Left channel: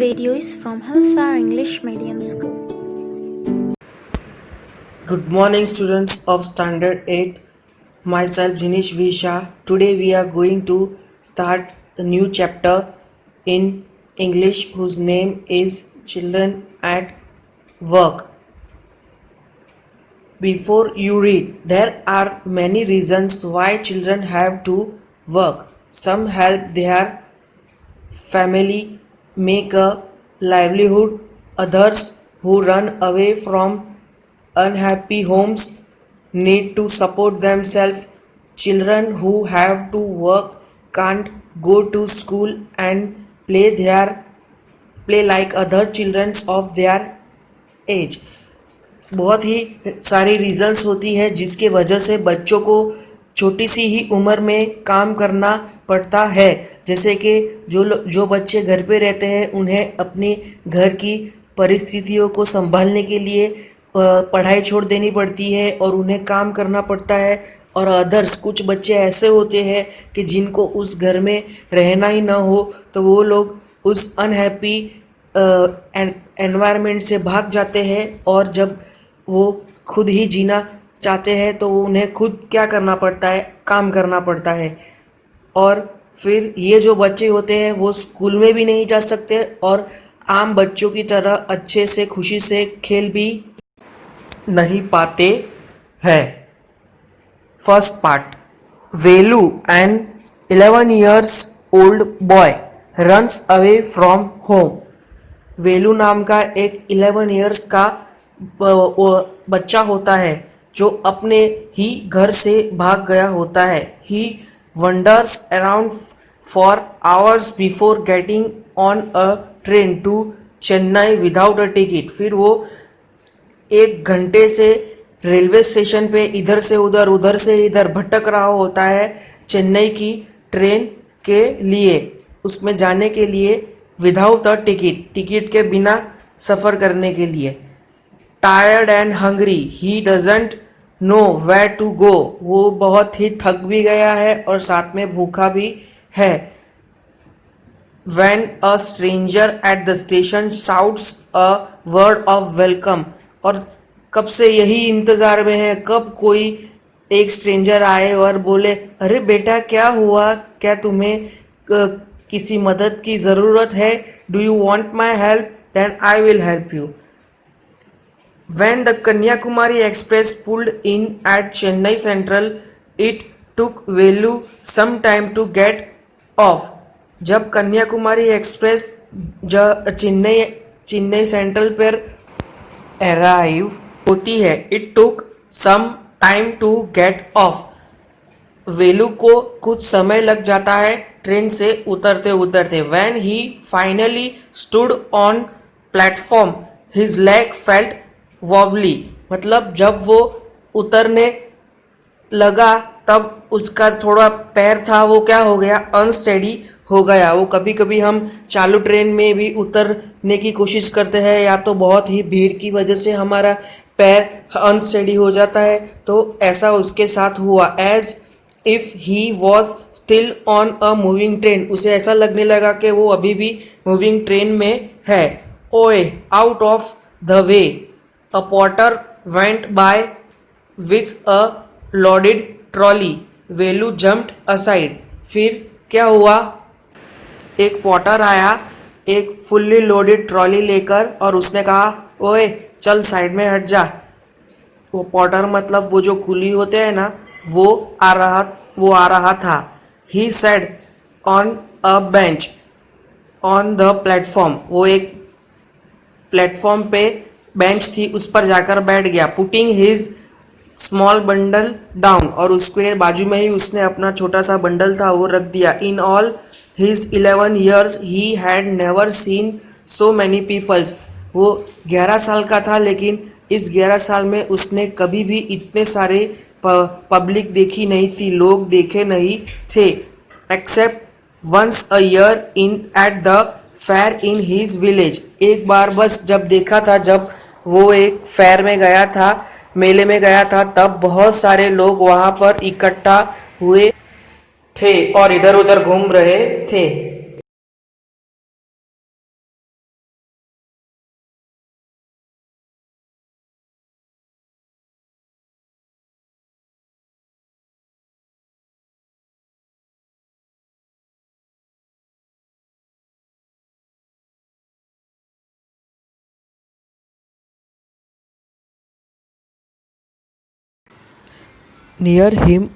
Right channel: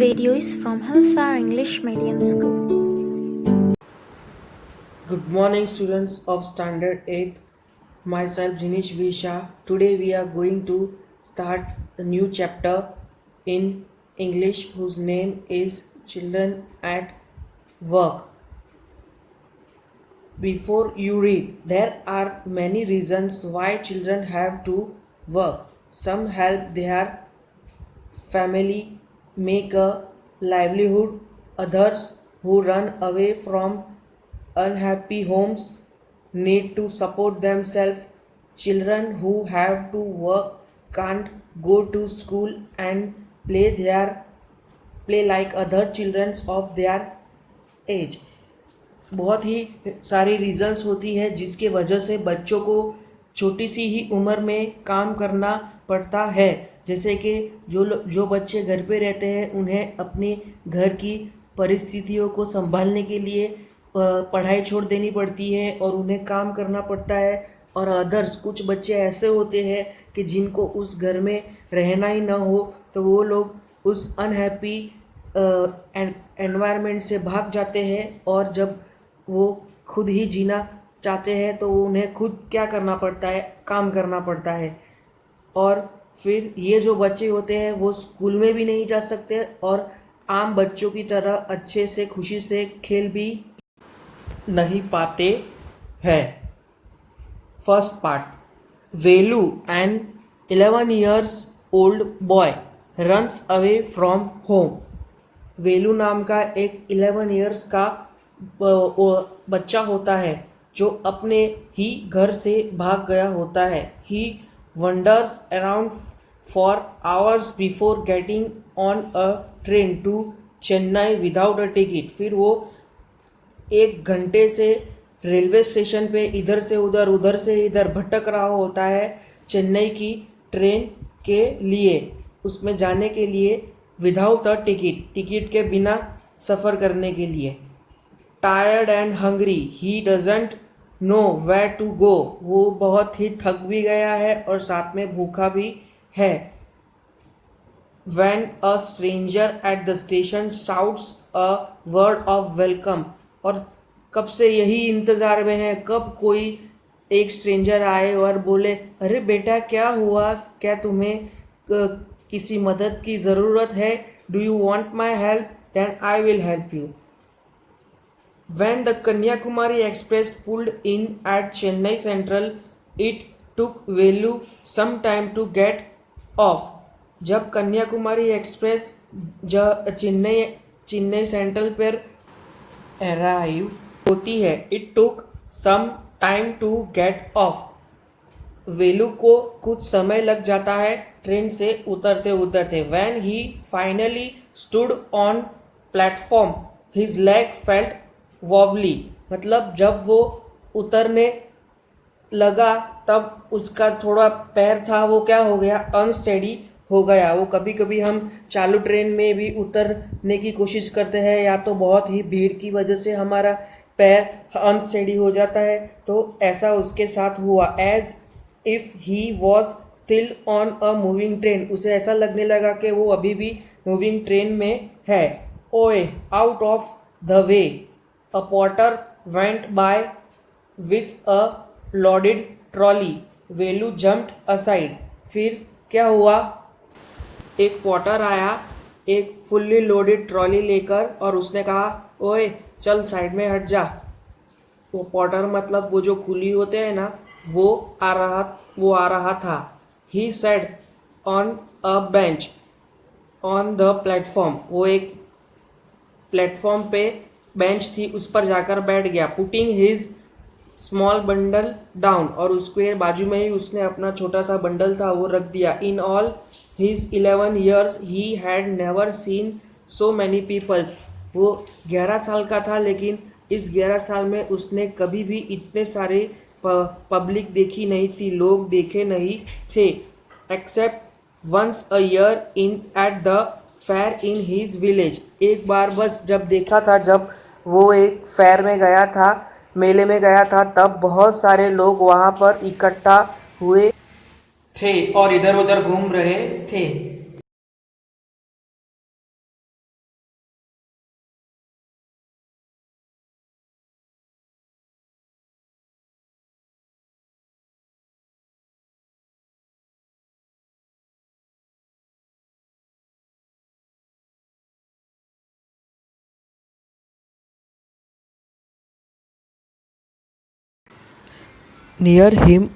video is from Hillsar English Medium School. Good morning, students of Standard 8. Myself Jinish V. Shah. Today we are going to start a new chapter in English whose name is Children at Work. Before you read, there are many reasons why children have to work. Some help their family make a livelihood, others who run away from unhappy homes need to support themselves. Children who have to work can't go to school and play like other children of their age. बहुत ही सारी reasons होती है जिसके वजह से बच्चों को छोटी सी ही उम्र में काम करना पड़ता है. जैसे कि जो बच्चे घर पे रहते हैं उन्हें अपनी घर की परिस्थितियों को संभालने के लिए पढ़ाई छोड़ देनी पड़ती है और उन्हें काम करना पड़ता है. और अदर्स कुछ बच्चे ऐसे होते हैं कि जिनको उस घर में रहना ही ना हो तो वो लोग उस अनहैप्पी एनवायरनमेंट से भाग जाते हैं और जब वो खुद ही जीना चाहते हैं तो वो उन्हें खुद क्या करना पड़ता है, काम करना पड़ता है. और फिर ये जो बच्चे होते हैं वो स्कूल में भी नहीं जा सकते और आम बच्चों की तरह अच्छे से खुशी से खेल भी नहीं पाते हैं. First part. Velu an 11 years old boy runs away from home. Velu नाम का एक 11 years का बच्चा होता है जो अपने ही घर से भाग गया होता है. He wanders around for hours before getting on a train to Chennai without a ticket. फिर वो एक घंटे से रेलवे स्टेशन पे इधर से उधर से इधर भटक रहा होता है चेन्नई की ट्रेन के लिए, उसमें जाने के लिए विदाउट अ टिकट के बिना सफ़र करने के लिए. Tired and hungry he doesn't know where to go. वो बहुत ही थक भी गया है और साथ में भूखा भी है. When a stranger at the station shouts a word of welcome. और कब से यही इंतज़ार में है कब कोई एक स्ट्रेंजर आए और बोले अरे बेटा क्या हुआ, क्या तुम्हें किसी मदद की ज़रूरत है, do you want my help, then I will help you. When the Kanyakumari Express pulled in at Chennai Central, it took Velu some time to get off. जब कन्याकुमारी एक्सप्रेस चेन्नई सेंट्रल पर अराइव होती है, it took some time to get off. Velu को कुछ समय लग जाता है ट्रेन से उतरते उतरते. When he finally stood on platform his leg felt wobbly. मतलब जब वो उतरने लगा तब उसका थोड़ा पैर था वो क्या हो गया, अनस्टेडी हो गया. वो कभी कभी हम चालू ट्रेन में भी उतरने की कोशिश करते हैं या तो बहुत ही भीड़ की वजह से हमारा पैर अनस्टेडी हो जाता है, तो ऐसा उसके साथ हुआ. As if he was still on a moving train. उसे ऐसा लगने लगा कि वो अभी भी मूविंग ट्रेन में है. ओए out of the way. A porter went by with a loaded trolley. Velu jumped aside. फिर क्या हुआ, एक पॉटर आया एक फुल्ली लोडेड ट्रॉली लेकर और उसने कहा ओए चल साइड में हट जा. वो पॉटर मतलब वो जो कुली होते हैं ना, वो आ रहा था. He said on a bench on the platform. वो एक प्लेटफॉर्म पे बेंच थी उस पर जाकर बैठ गया. Putting his small bundle down. और उसके बाजू में ही उसने अपना छोटा सा बंडल था वो रख दिया. In all his 11 years he had never seen so many peoples. वो 11 साल का था लेकिन इस 11 साल में उसने कभी भी इतने सारे पब्लिक देखी नहीं थी, लोग देखे नहीं थे. Except once a year in at the fair in his village. एक बार बस जब देखा था, जब वो एक फेयर में गया था, मेले में गया था, तब बहुत सारे लोग वहां पर इकट्ठा हुए थे और इधर उधर घूम रहे थे. Near him,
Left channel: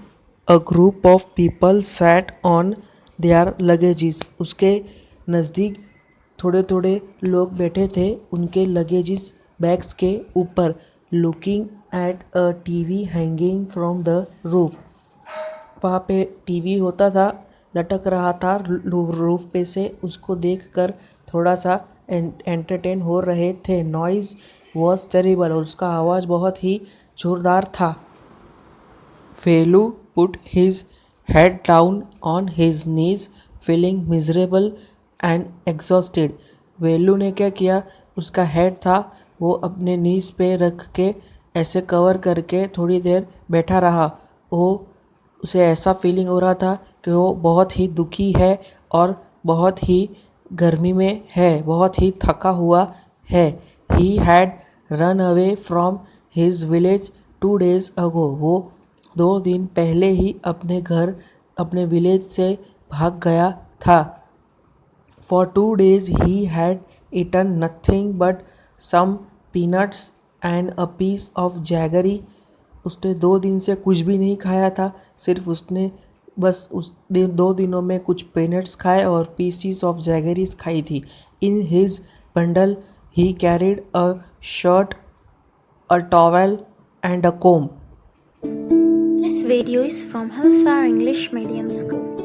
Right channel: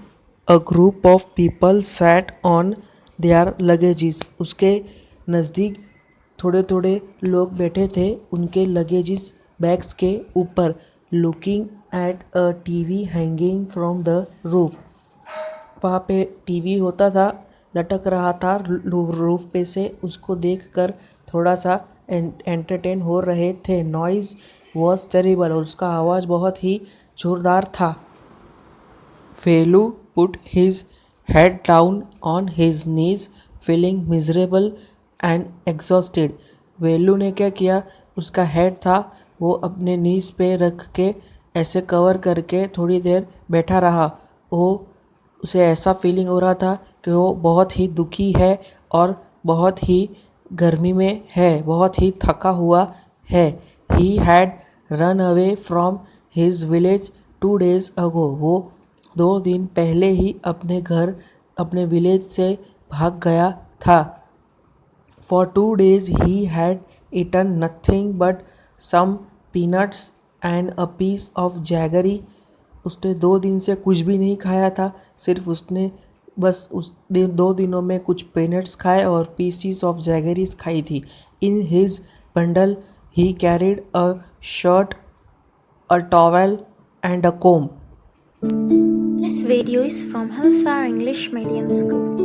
a group of people sat on their luggages. उसके नज़दीक थोड़े थोड़े लोग बैठे थे उनके लगेजेस बैग्स के ऊपर. Looking at a TV hanging from the roof. वहाँ पे टीवी होता था, लटक रहा था रूफ पे से. उसको देखकर थोड़ा सा एंटरटेन हो रहे थे. Noise was terrible. और उसका आवाज़ बहुत ही जोरदार था. Velu put his head down on his knees, feeling miserable and exhausted. वेलू ने क्या किया, उसका हेड था वो अपने नीज पे रख के ऐसे कवर करके थोड़ी देर बैठा रहा. वो उसे ऐसा फीलिंग हो रहा था कि वो बहुत ही दुखी है और बहुत ही गर्मी में है, बहुत ही थका हुआ है. He had run away from his village 2 days ago. वो 2 दिन पहले ही अपने विलेज से भाग गया था. For 2 days he had eaten nothing but some peanuts and a piece of jaggery. उसने 2 दिन से कुछ भी नहीं खाया था, सिर्फ उसने बस उस 2 दिनों में कुछ पीनट्स खाए और पीसीस ऑफ जैगरीज खाई थी. In his bundle he carried a shirt, a towel and a comb. This video is from Halsar English Medium School.